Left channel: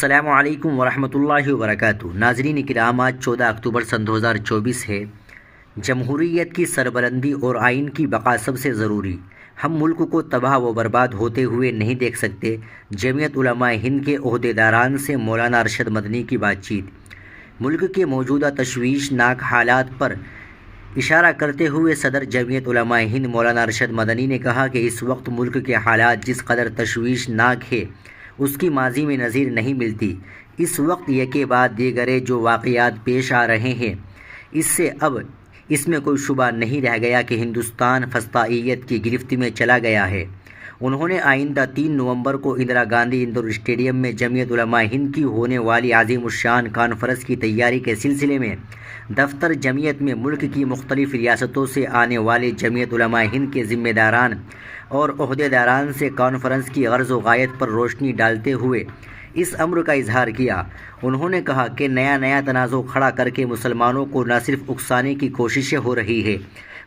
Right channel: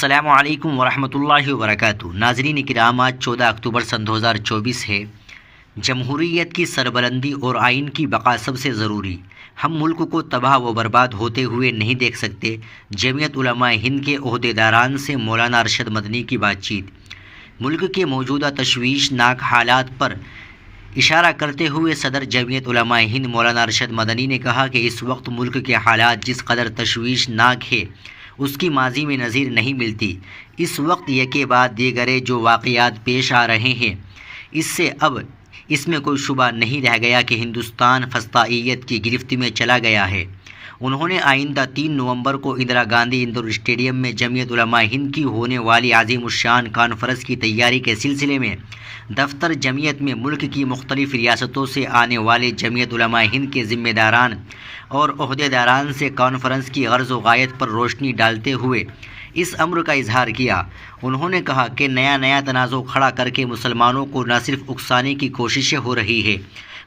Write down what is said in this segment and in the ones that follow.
السلام علیکم ورحمۃ اللہ وبرکاتہ۔ ناظرین کرام، آج 14 اکتوبر سن 2024 ہے۔ جمہوریت کی سربلندی اور آئین کی بقا سب سے ضروری۔ ہم ملک کو تباہ و برباد ہوتے ہوئے نہیں دیکھ سکتے۔ جمعیت علماء ہند کے عہدیداران سے مولانا ارشد مدنی کی بات چیت۔ ملک کے موجودہ تشویشناک حالات پر اشارہ کرتے ہوئے صدر جمعیت علماء ہند مولانا ارشد مدنی نے کہا کہ اس وقت ملک کے حالات جس قدر تشویشناک ہے اس کی ماضی میں نظیر نہیں ملتی۔ اس وقت یکے بعد دیگرے جو واقعات پیش آ رہے ہیں، اس سے اب اس میں کوئی شبہ نہیں رہ گیا کہ ہندوستان فسطائیت کی گرفت میں چلا گیا ہے۔ انہوں نے آئندہ 3 نومبر کو اندرا گاندھی انڈور اسٹیڈیم میں جمعیت علماء ہند کی ہونے والی عظیم الشان کانفرنس کی تیاری کے سلسلے میں دفتر جمعیت میں ملک کی مختلف ریاستوں سے آنے والے جمعیت علماء ہند کے ذمہ داران اور عہدیداران سے کانفرنس کی غرض و غایت پر روشنی ڈالتے ہوئے اس امر کا اظہار کیا۔ انہوں نے کہا کہ نیا تنازع کھڑا کر کے مسلمانوں کو نہ صرف اکسانے کی کوششیں ہو رہی ہے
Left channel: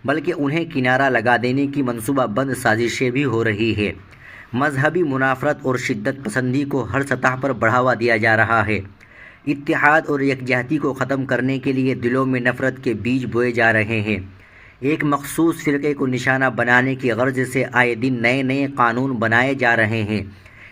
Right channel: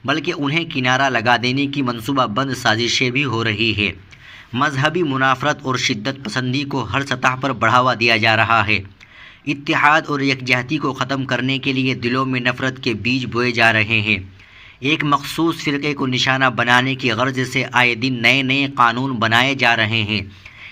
بلکہ انہیں کنارہ لگا دینے کی منصوبہ بند سازشیں بھی ہو رہی ہے۔ مذہبی منافرت اور شدت پسندی کو ہر سطح پر بڑھاوا دیا جا رہا ہے۔ اتحاد اور یکجہتی کو ختم کرنے کے لیے دلوں میں نفرت کے بیج بوئے جا رہے ہیں۔ ایک مخصوص فرقے کو نشانہ بنانے کی غرض سے آئے دن نئے قانون بنائے جا رہے ہیں۔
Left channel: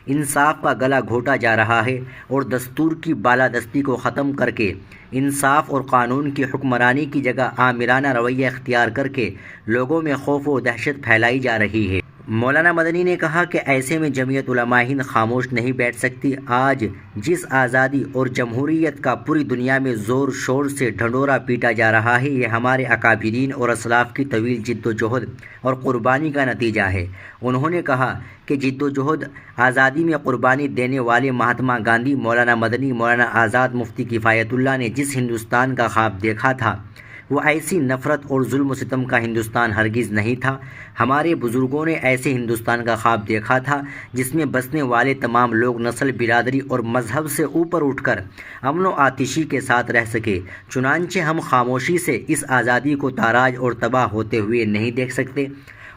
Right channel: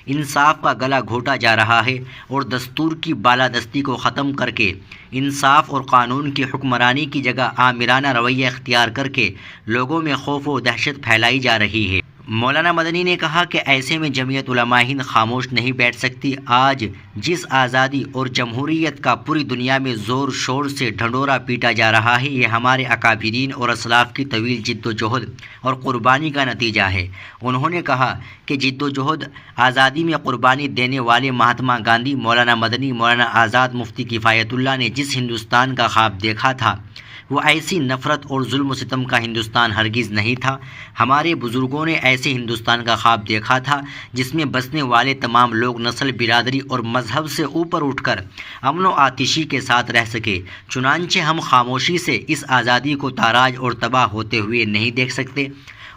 انصاف کا گلا گھونٹا جا رہا ہے اور دستور کی بالادستی کو ختم کر کے انصاف اور قانون کی حکمرانی کی جگہ آمرانہ رویہ اختیار کر کے لوگوں میں خوف و دہشت پھیلائی جا رہی ہے۔ مولانا مدنی نے کہا کہ ایسے میں جمعیت علماء ہند خاموش نہیں بیٹھ سکتی۔ آج جس آزادی اور جمہوریت کا پوری دنیا میں زور شور سے ڈھنڈورا پیٹا جا رہا ہے، یہ ہمارے اکابرین اور اسلاف کی طویل جد و جہد اور قربانی کا نتیجہ ہے۔ انہوں نے کہا کہ جد و جہد آزادی میں قربانی دینے والے مہاتما گاندھی، مولانا مدنی، مولانا آزاد، مفتی کفایت اللہ نے جس ہندوستان کا خواب دیکھا تھا وہ ایسی نفرت اور ظلم و ستم کا ہندوستان ہرگز نہیں تھا۔ ہمارے بزرگوں نے ایسے ہندوستان کا خواب دیکھا تھا جس میں بسنے والے تمام لوگ نسل، برادری اور مذہب سے اوپر اٹھ کر امن و آتشی کے ساتھ رہ سکے۔ چنانچہ ہم خاموشی سے اس آزادی کو تاراج اور تباہ ہوتے ہوئے نہیں دیکھ سکتے۔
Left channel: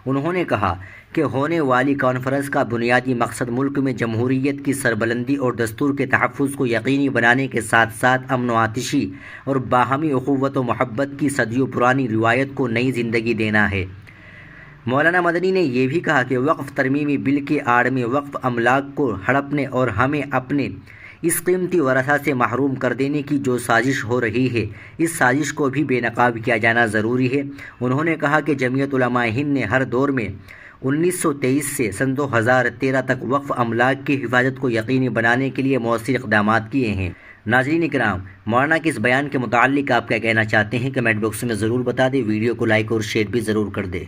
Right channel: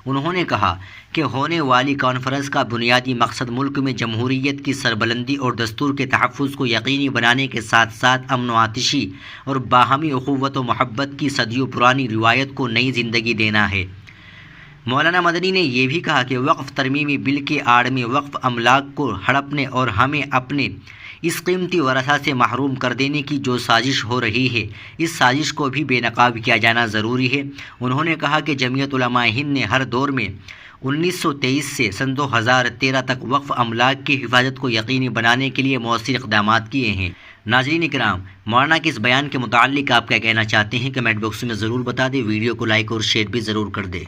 انہوں نے کہا کہ ہونے والی کانفرنس کا بنیادی مقصد ملک میں جمہوریت کی سربلندی اور دستور کے تحفظ کو یقینی بنانے کے ساتھ ساتھ امن و آتشی اور باہمی اخوت و محبت کی صدیوں پرانی روایت کو نئی زندگی دینا ہے۔ مولانا مدنی نے یہ بھی کہا کہ وقف ترمیمی بل کی آڑ میں وقف املاک کو ہڑپنے اور ہمیں اپنے اس قیمتی ورثہ سے محروم کر دینے کی جو سازش ہو رہی ہے، اس سازش کو بھی بے نقاب کیا جانا ضروری ہے۔ انہوں نے کہا کہ جمعیت علماء ہند نے ہر دور میں 1923 سے سن 2013 تک وقف املاک کی حفاظت کو یقینی بنانے کے لیے مؤثر اقدامات کیے ہیں۔ ناظرین کرام، مولانا کے اس بیان کے متعلق آپ کیا کہنا چاہتے ہیں؟ کمنٹ باکس میں ضرور بتا دیں۔ ویڈیو کو لائک اور شیئر بھی ضرور کر دیں۔